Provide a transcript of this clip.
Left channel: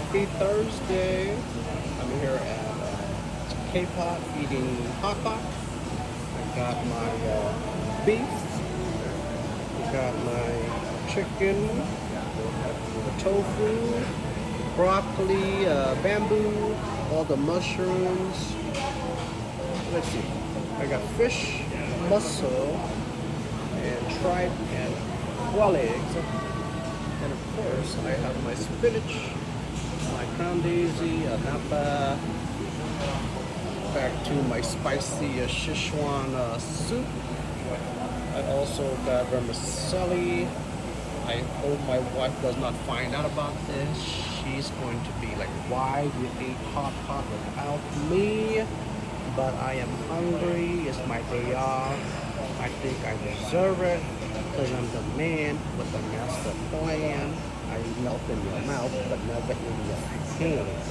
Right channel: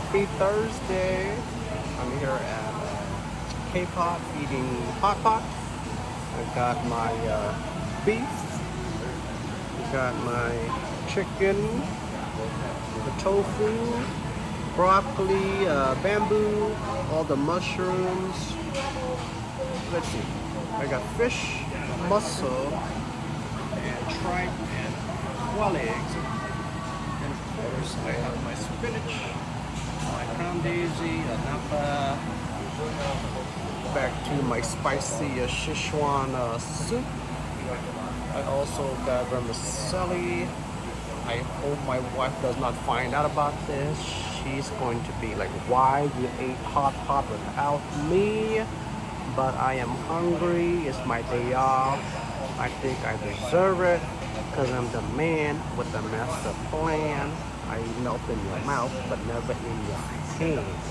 Happy Thursday. I'm here at K-pop eating hot pot. I got my beef. I got my chicken, the tofu, broccoli, bamboo, all the mushrooms. Let's see. I got fish, mussel, and tripe and quail eggs. And of course, I have my spinach, my green daisy, back to my spicy Sichuan soup. And also the vermicelli. I hope my wife does not find out about this. She's going to be like, why you ate hot pot without me? But I am hungry. It's my day off. I think I deserve it because I'm the man with the master plan. I melt in your mouth, but never in your hand.